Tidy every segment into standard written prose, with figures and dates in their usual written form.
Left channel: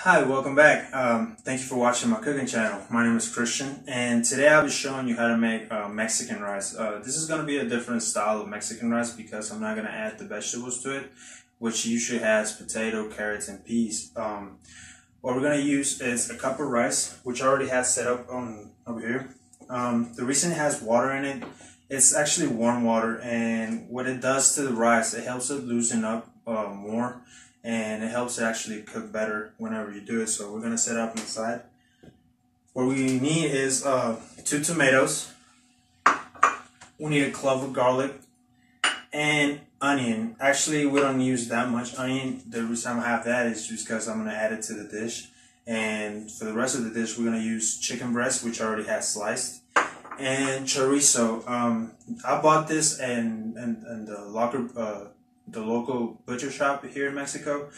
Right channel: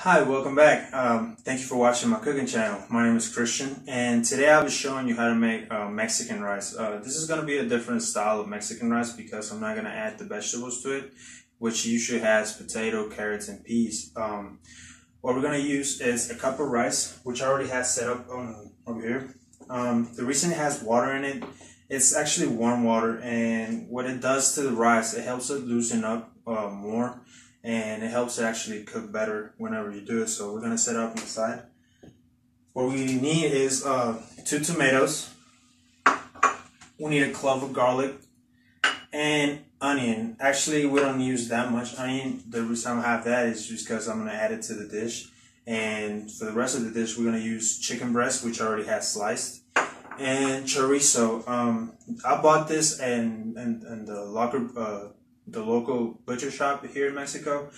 Hi, welcome back. Thank you for watching my cooking channel. My name is Christian, and today I'll be showing you how to make Mexican rice. This is going to be a different style of Mexican rice because I'm not going to add the vegetables to it, which usually has potato, carrots, and peas. What we're going to use is a cup of rice, which I already have set up over here. The reason it has water in it, it's actually warm water, and what it does to the rice, it helps it loosen up more. And it helps it actually cook better whenever you do it. So we're gonna set it up on the side. What we need is 2 tomatoes. We need a clove of garlic and onion. Actually, we don't use that much onion. The reason I have that is just because I'm gonna add it to the dish. And for the rest of the dish, we're gonna use chicken breast, which I already have sliced, and chorizo. I bought this in the local butcher shop here in Mexico.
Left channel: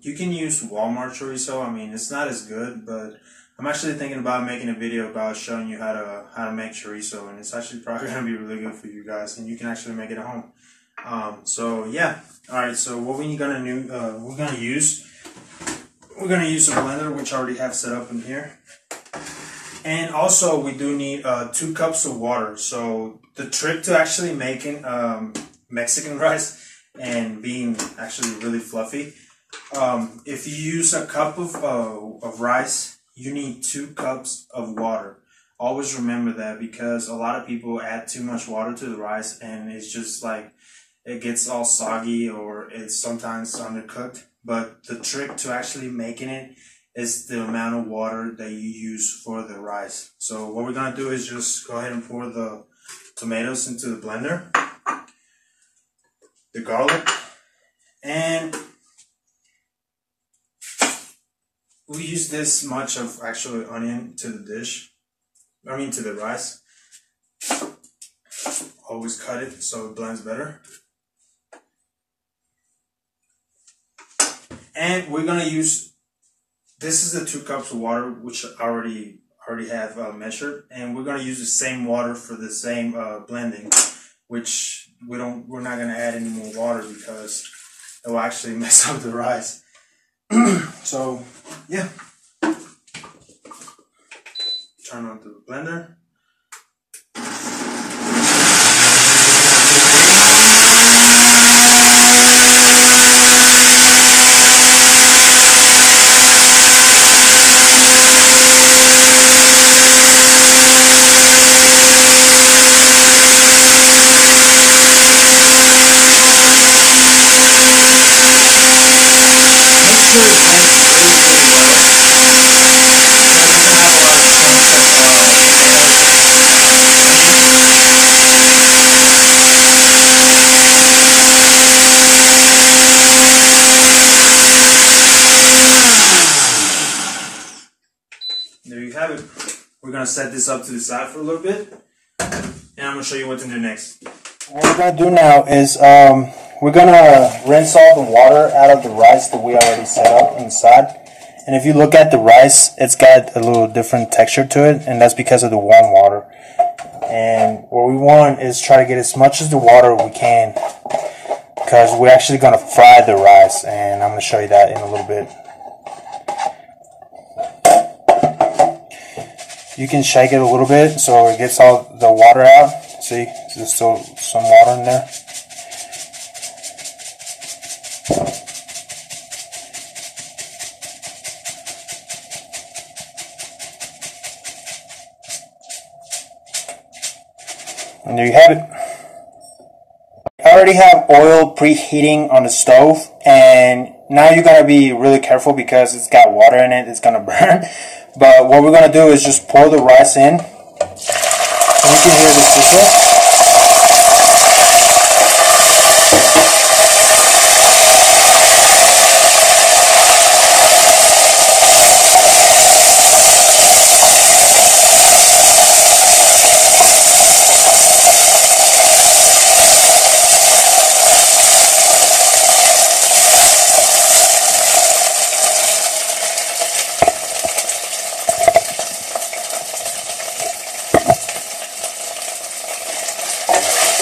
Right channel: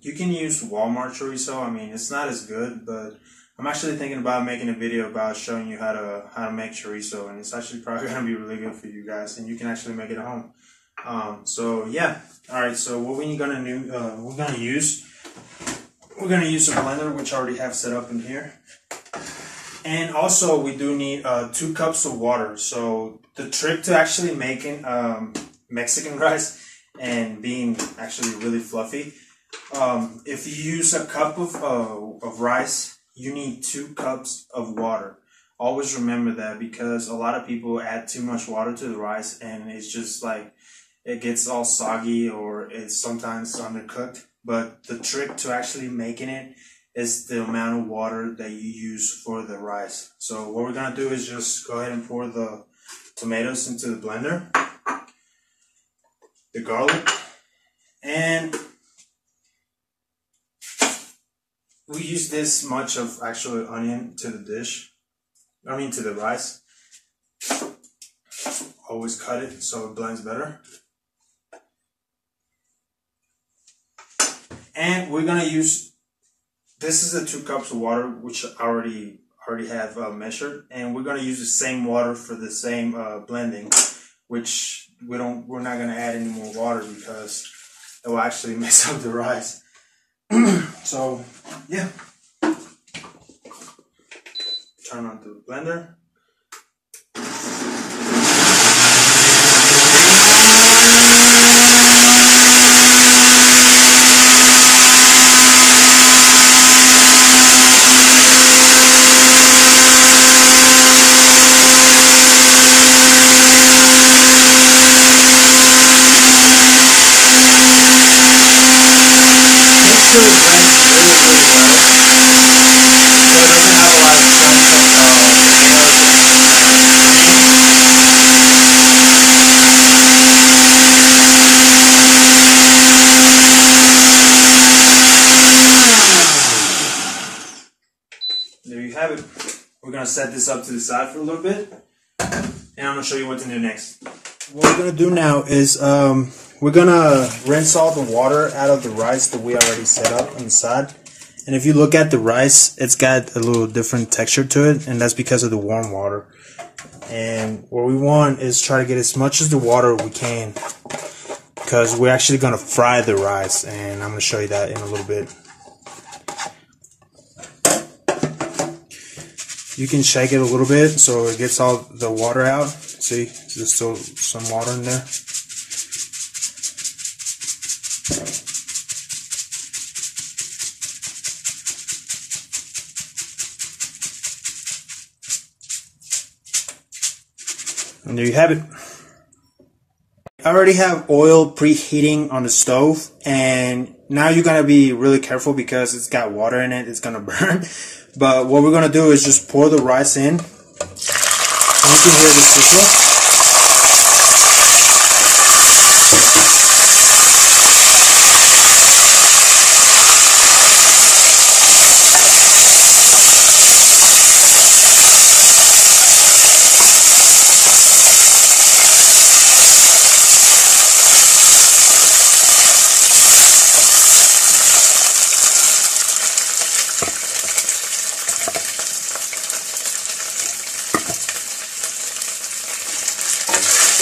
You can use Walmart chorizo. I mean, it's not as good, but I'm actually thinking about making a video about showing you how to make chorizo, and it's actually probably gonna be really good for you guys, and you can actually make it at home. So yeah, all right. So what we're gonna use a blender, which I already have set up in here, and also we do need 2 cups of water. So the trick to actually making Mexican rice and being actually really fluffy, if you use a cup of rice, you need 2 cups of water. Always remember that, because a lot of people add too much water to the rice and it's just like it gets all soggy or it's sometimes undercooked. But the trick to actually making it is the amount of water that you use for the rice. So what we're gonna do is just go ahead and pour the tomatoes into the blender, the garlic, and we use this much of actually onion to the dish. To the rice. Always cut it so it blends better. And we're gonna use, this is the 2 cups of water, which I already have measured, and we're gonna use the same water for the same blending, which we're not gonna add any more water because it will actually mess up the rice. So yeah, turn on the blender. It blends really, really well, so it doesn't have a lot of chunks of potatoes and there you have it. We're going to set this up to the side for a little bit, and I'm going to show you what to do next. What we're going to do now is we're going to rinse all the water out of the rice that we already set up on the side. And if you look at the rice, it's got a little different texture to it, and that's because of the warm water. And what we want is try to get as much as the water we can, because we're actually going to fry the rice, and I'm going to show you that in a little bit. You can shake it a little bit so it gets all the water out. See, there's still some water in there. And there you have it. I already have oil preheating on the stove, and now you're going to be really careful because it's got water in it, it's going to burn. But what we're going to do is just pour the rice in, and you can hear the sizzle.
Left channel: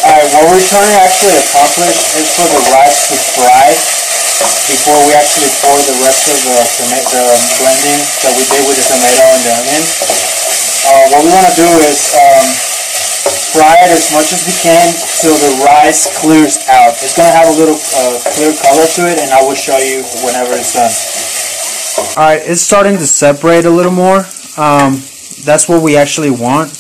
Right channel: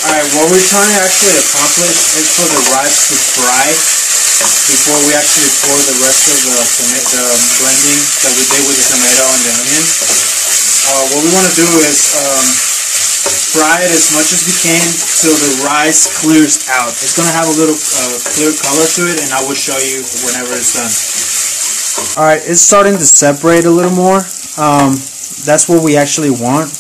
Alright, what we're trying to actually accomplish is for the rice to fry before we actually pour the rest of the blending that we did with the tomato and the onions. What we want to do is fry it as much as we can till the rice clears out. It's going to have a little clear color to it, and I will show you whenever it's done. Alright, it's starting to separate a little more. That's what we actually want.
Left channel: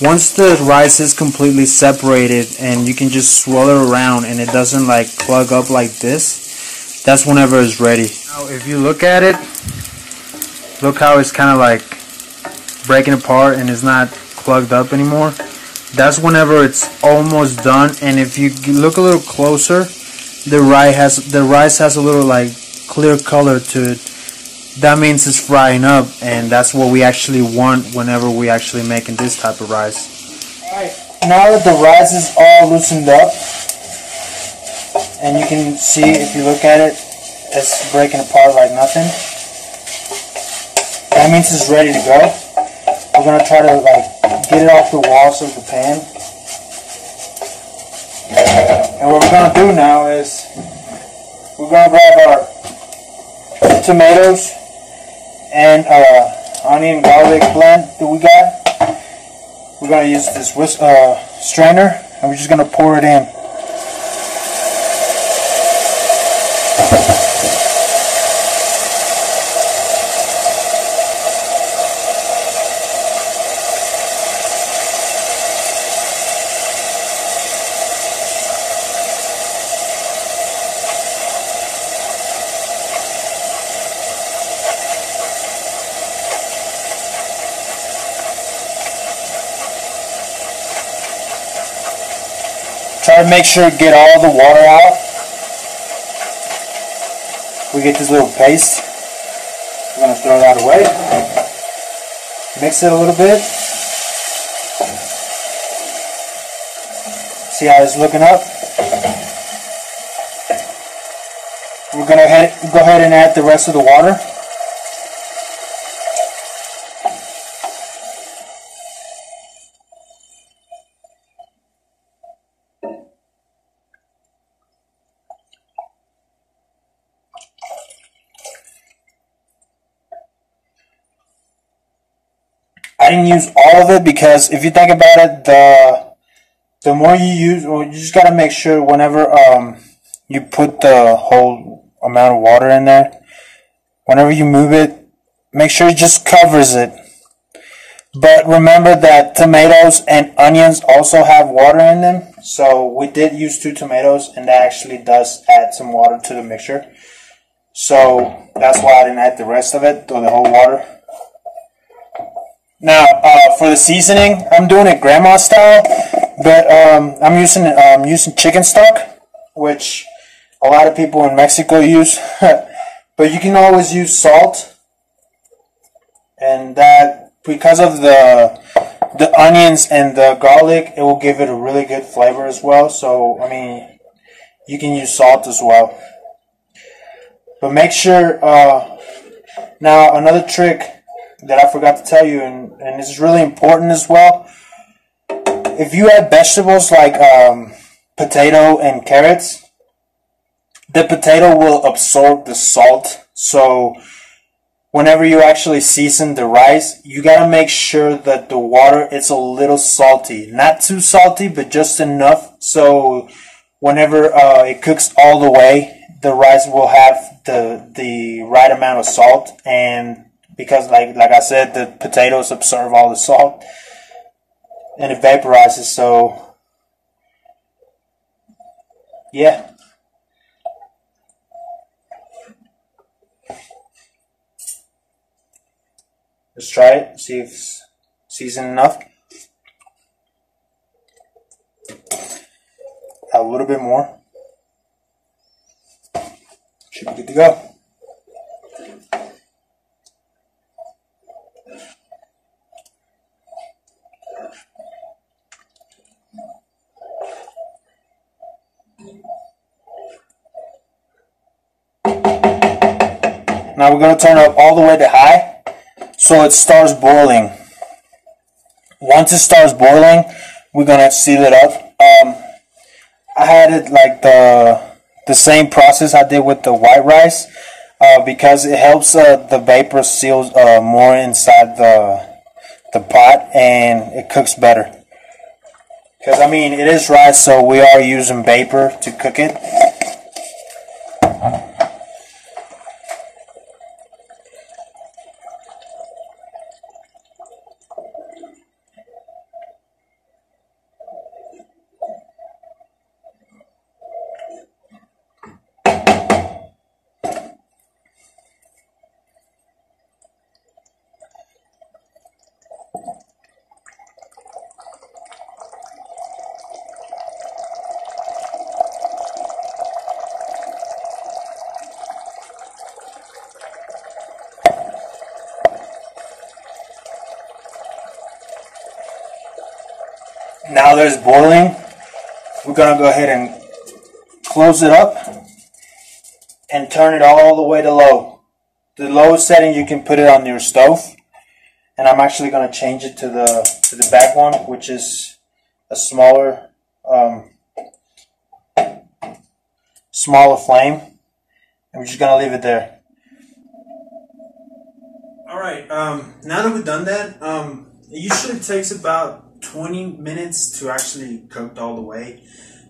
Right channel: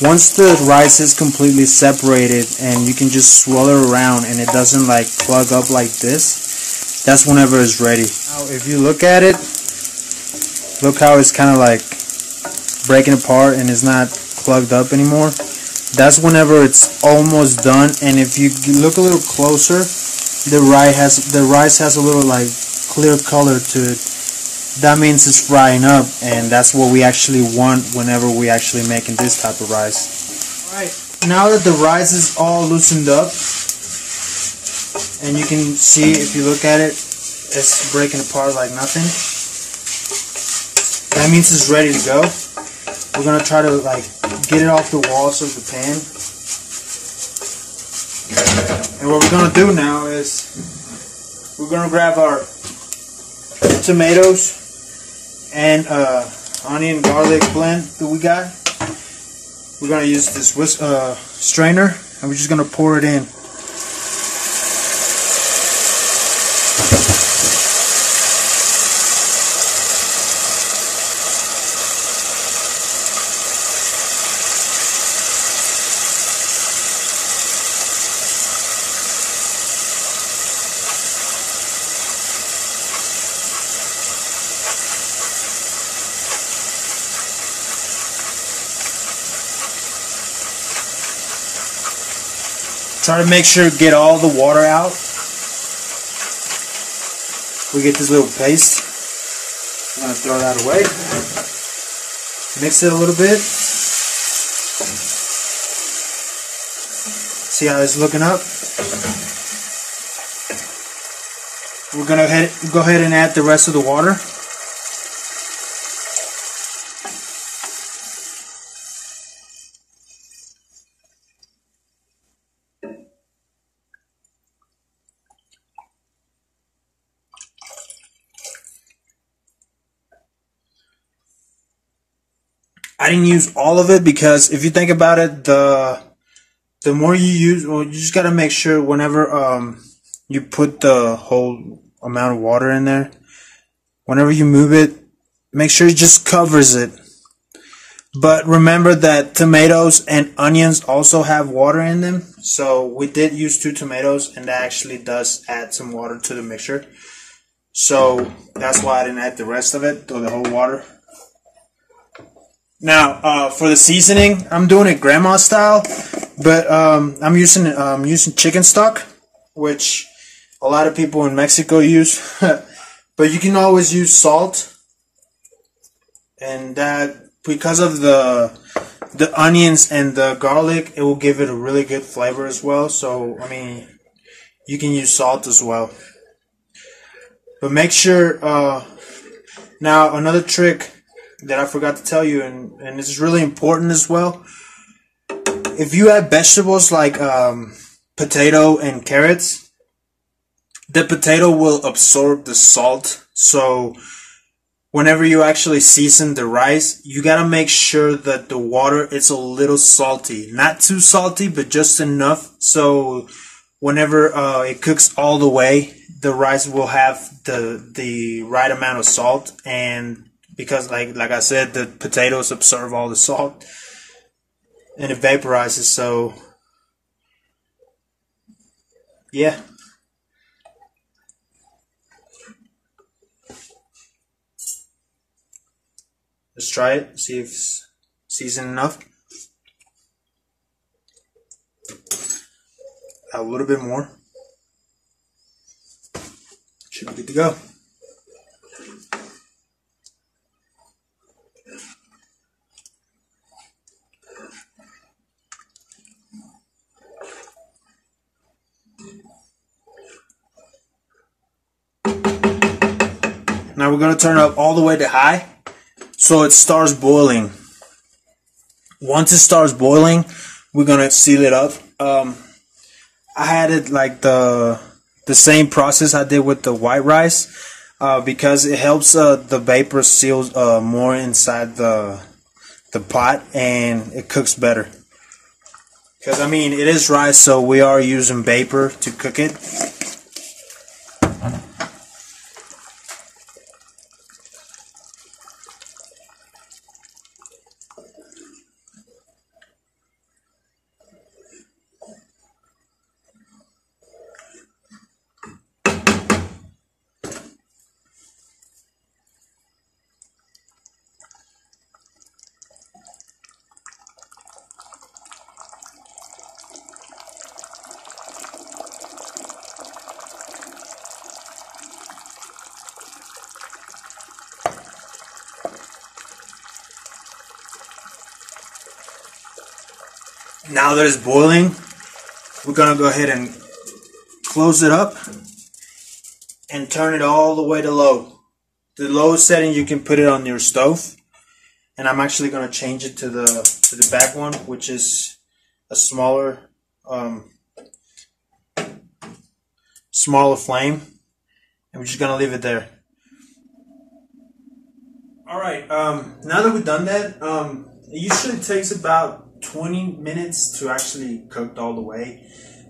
Once the rice is completely separated and you can just swirl it around and it doesn't like clog up like this, that's whenever it's ready. Now if you look at it, look how it's kind of like breaking apart and it's not plugged up anymore. That's whenever it's almost done. And if you look a little closer, the rice has a little like clear color to it. That means it's frying up, and that's what we actually want whenever we actually making this type of rice. Alright, now that the rice is all loosened up, and you can see if you look at it, it's breaking apart like nothing. That means it's ready to go. We're going to try to like get it off the walls of the pan. And what we're going to do now is we're going to grab our tomatoes and onion garlic blend that we got. We're going to use this strainer, and we're just going to pour it in. Try to make sure to get all the water out. We get this little paste. We're going to throw that away. Mix it a little bit. See how it's looking up? We're going to go ahead and add the rest of the water. I didn't use all of it because if you think about it, the more you use, well, you just gotta make sure whenever you put the whole amount of water in there, whenever you move it, make sure it just covers it. But remember that tomatoes and onions also have water in them, so we did use 2 tomatoes, and that actually does add some water to the mixture. So that's why I didn't add the rest of it, or the whole water. Now, for the seasoning, I'm doing it grandma style, but I'm using chicken stock, which a lot of people in Mexico use. But you can always use salt, and that because of the onions and the garlic, it will give it a really good flavor as well. So, I mean, you can use salt as well. But make sure. Now, another trick that I forgot to tell you, and this is really important as well. If you add vegetables like potato and carrots, the potato will absorb the salt. So whenever you actually season the rice, you gotta make sure that the water is a little salty. Not too salty, but just enough so whenever it cooks all the way, the rice will have the right amount of salt. And because like I said, the potatoes absorb all the salt and it vaporizes, so yeah. Let's try it, see if it's seasoned enough. A little bit more. Should be good to go. Now we're going to turn it up all the way to high so it starts boiling. Once it starts boiling, we're going to seal it up. I had it like the the same process I did with the white rice, because it helps the vapor seal more inside the pot, and it cooks better. Because I mean, it is rice, so we are using vapor to cook it. Now that it's boiling, we're going to go ahead and close it up and turn it all the way to low. The lowest setting you can put it on your stove, and I'm actually going to change it to the back one, which is a smaller flame, and we're just going to leave it there. Alright, now that we've done that, it usually takes about 20 minutes to actually cook all the way,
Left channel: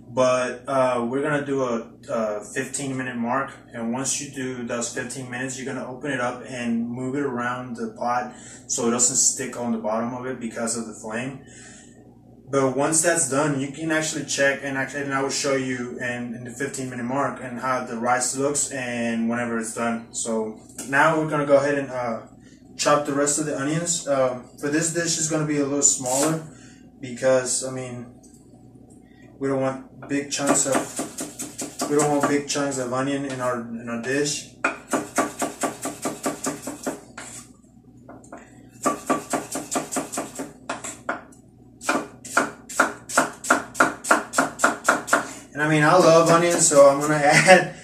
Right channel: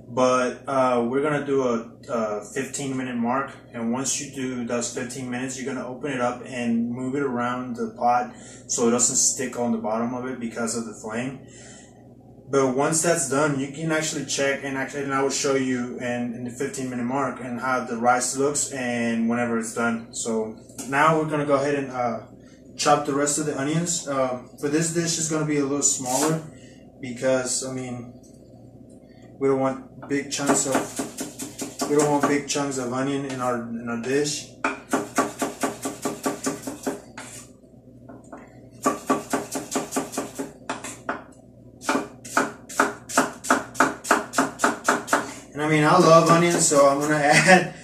but we're gonna do a 15-minute mark, and once you do those 15 minutes, you're gonna open it up and move it around the pot so it doesn't stick on the bottom of it because of the flame. But once that's done, you can actually check, and I will show you in the 15-minute mark and how the rice looks and whenever it's done. So now we're gonna go ahead and chop the rest of the onions. For this dish, it's gonna be a little smaller, because I mean, we don't want big chunks of onion in our dish. And I mean, I love onions, so I'm gonna add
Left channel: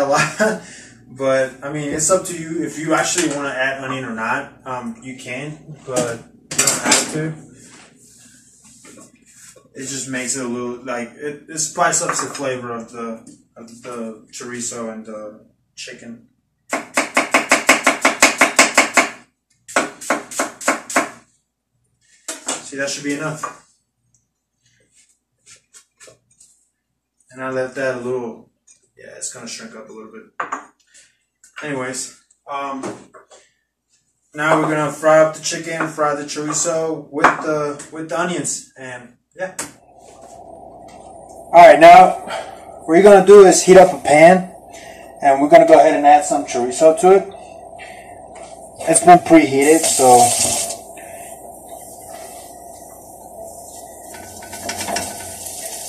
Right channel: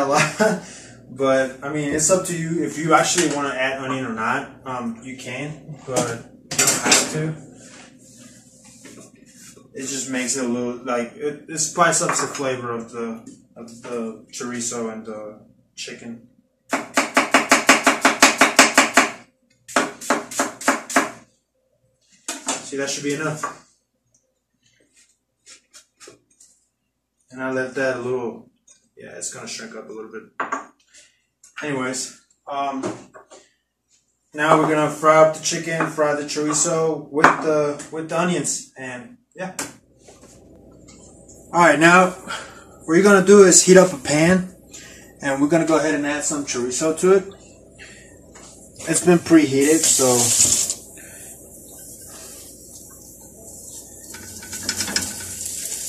a lot. But I mean, it's up to you if you actually want to add onion or not. You can, but you don't have to. It just makes it a little, like, it spices up the flavor of the chorizo and the chicken. See, that should be enough. And I let that a little, yeah, it's gonna shrink up a little bit. Anyways, now we're gonna fry up the chicken, fry the chorizo with the onions, and yeah. Alright, now what we're going to do is heat up a pan, and we're going to go ahead and add some chorizo to it. It's been preheated, so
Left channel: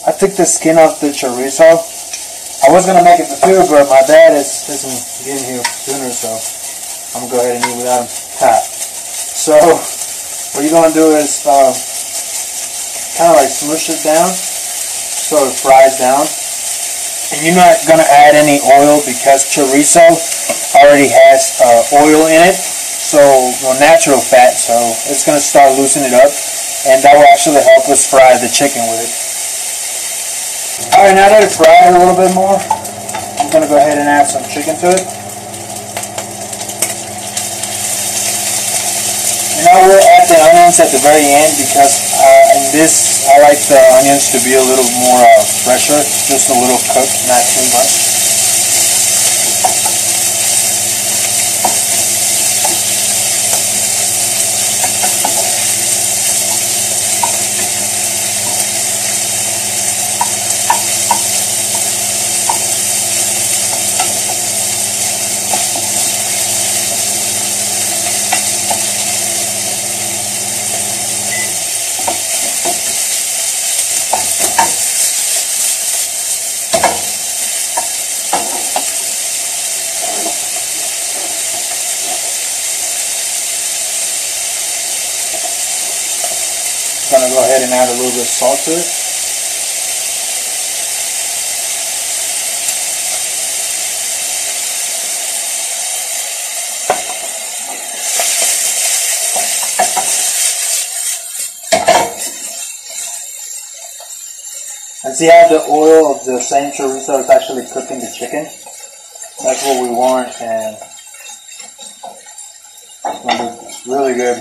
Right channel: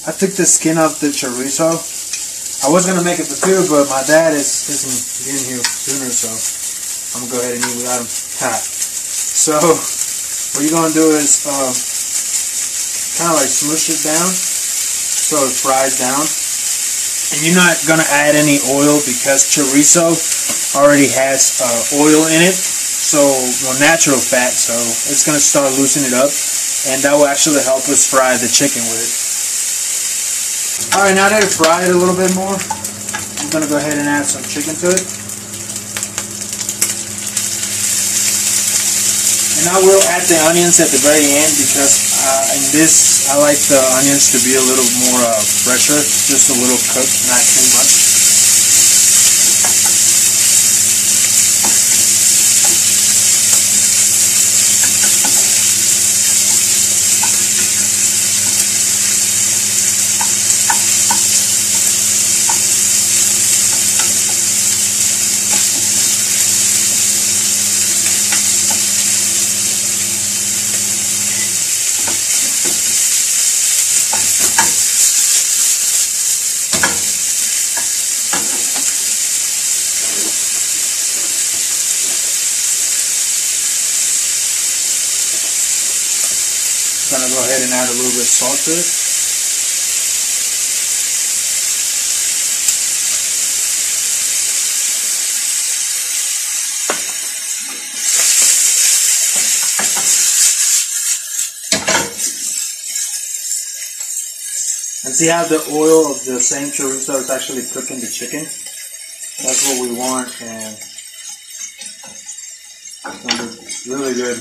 I took the skin off the chorizo. I was going to make it for food, but my dad isn't getting here sooner, so I'm going to go ahead and eat without him. So what you're going to do is kind of like smoosh it down so it fries down, and you're not going to add any oil because chorizo already has oil in it, so natural fat, so it's going to start loosening it up, and that will actually help us fry the chicken with it. Alright, now that it's fried a little bit more, I'm going to go ahead and add some chicken to it. And I will add the onions at the very end, because in this, I like the onions to be a little more fresher, just a little cooked, not too much. I'm going to go ahead and add a little bit of salt to it. And see how the oil of the same chorizo is actually cooking the chicken? That's what we want, and it's going to look really good.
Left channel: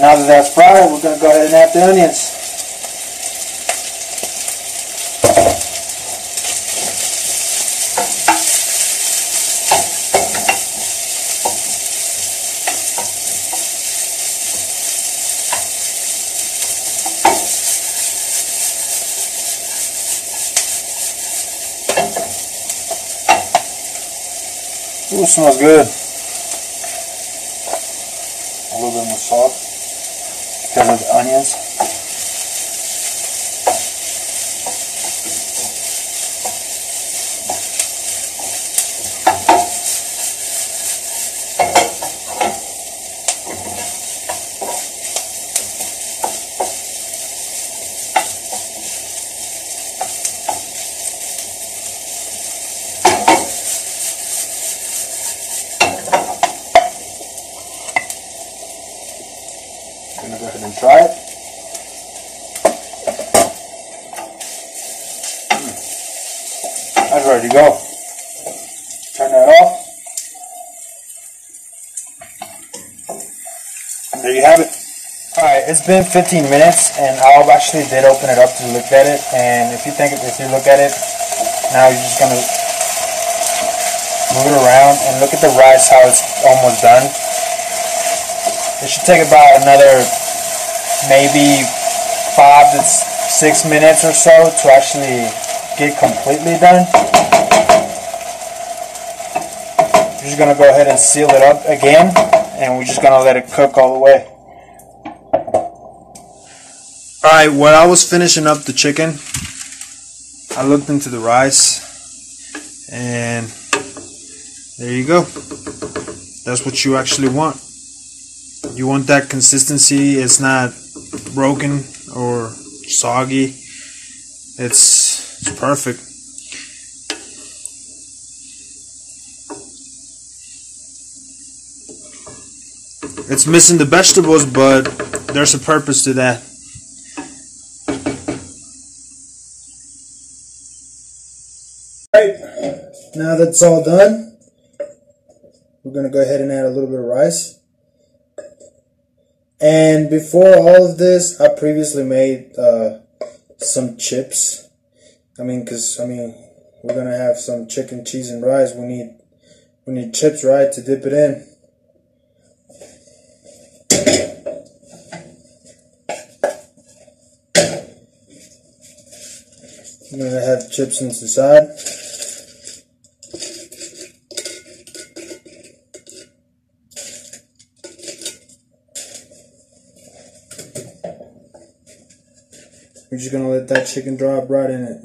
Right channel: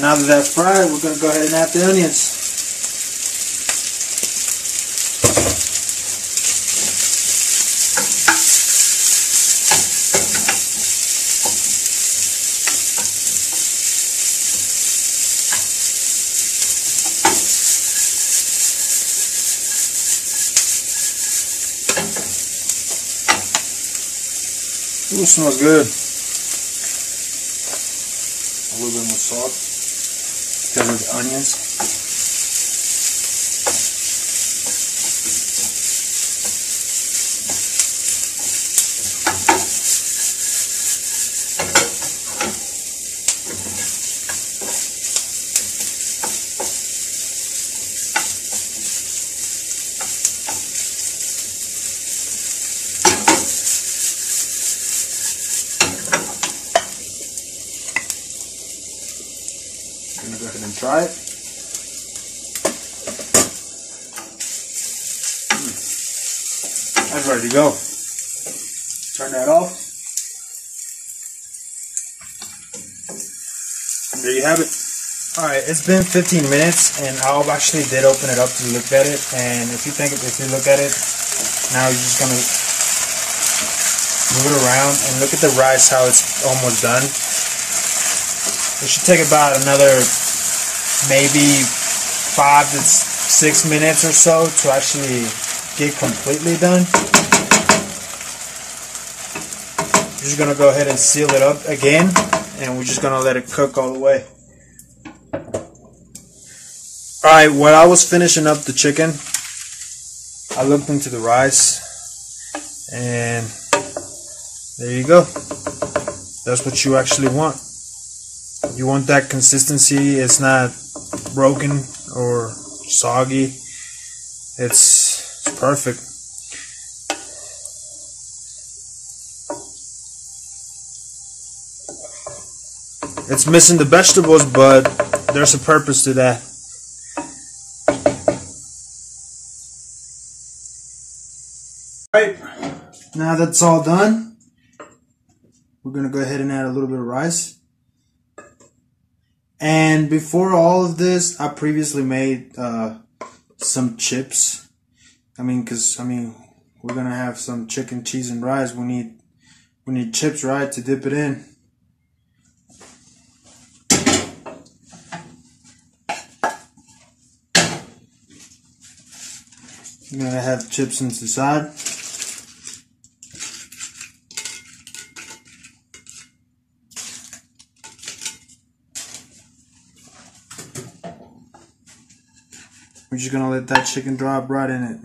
Now that that's fried, we're going to go ahead and add the onions. Ooh, it smells good. A little bit more salt because of the onions. I'm going to go ahead and try it. That's ready to go. Turn that off. And there you have it. Alright, it's been 15 minutes and I actually did open it up to look at it, and if you look at it, now you're just going to move it around and look at the rice, how it's almost done. It should take about another maybe 5 to 6 minutes or so to actually get completely done. We're just going to go ahead and seal it up again, and we're just going to let it cook all the way. Alright, while I was finishing up the chicken, I looked into the rice, and there you go. That's what you actually want. You want that consistency. It's not broken or soggy. It's perfect. It's missing the vegetables, but there's a purpose to that. Alright, now that's all done, we're going to go ahead and add a little bit of rice. And before all of this, I previously made some chips. Because we're gonna have some chicken, cheese, and rice. We need chips, right, to dip it in. I'm gonna have chips on the side. We're just gonna let that chicken drop right in it.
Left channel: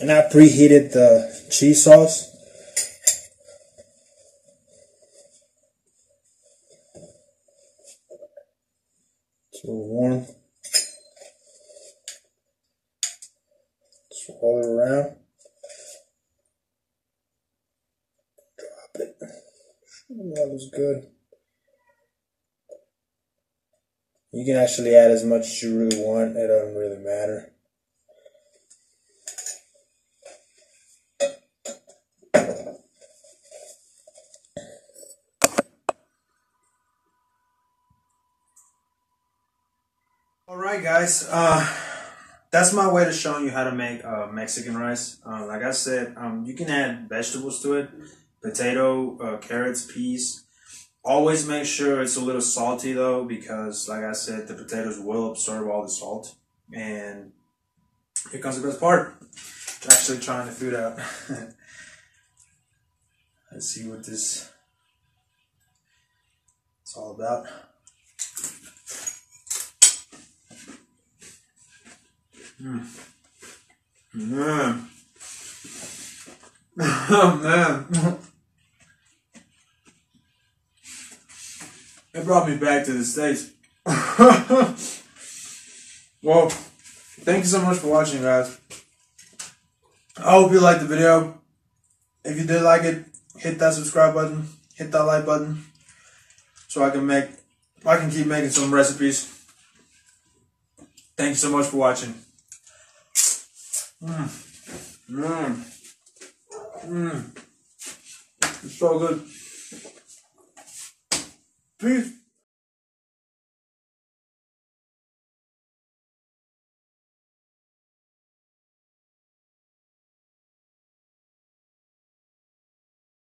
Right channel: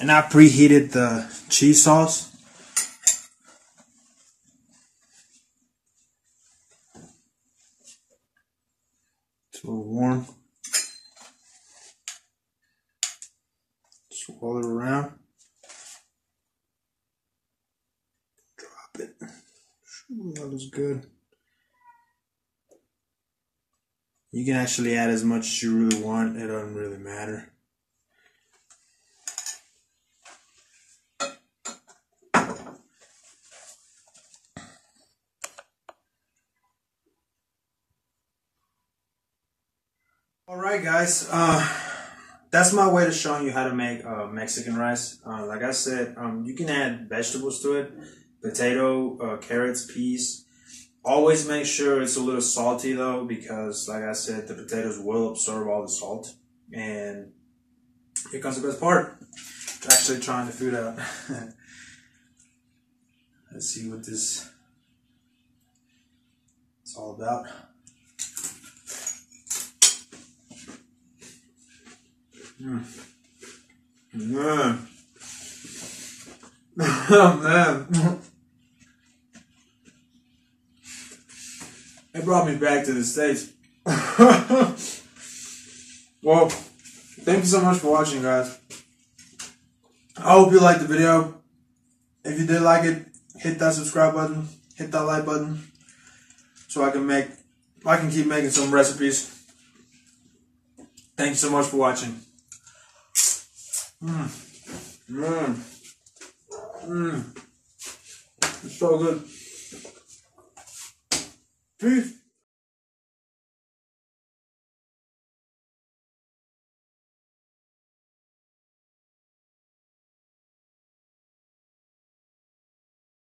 And I preheated the cheese sauce. It's a little warm. Swirl it around. Drop it. That looks good. You can actually add as much as you really want. It doesn't really matter. Alright guys, that's my way of showing you how to make Mexican rice. Like I said, you can add vegetables to it. Potato, carrots, peas. Always make sure it's a little salty though, because like I said, the potatoes will absorb all the salt. And here comes the best part. Actually trying the food out. Let's see what this is all about. Man. Oh, man. It brought me back to the States. Well, thank you so much for watching, guys. I hope you liked the video. If you did like it, hit that subscribe button, hit that like button, so I can keep making some recipes. Thank you so much for watching. It's so good. Peace.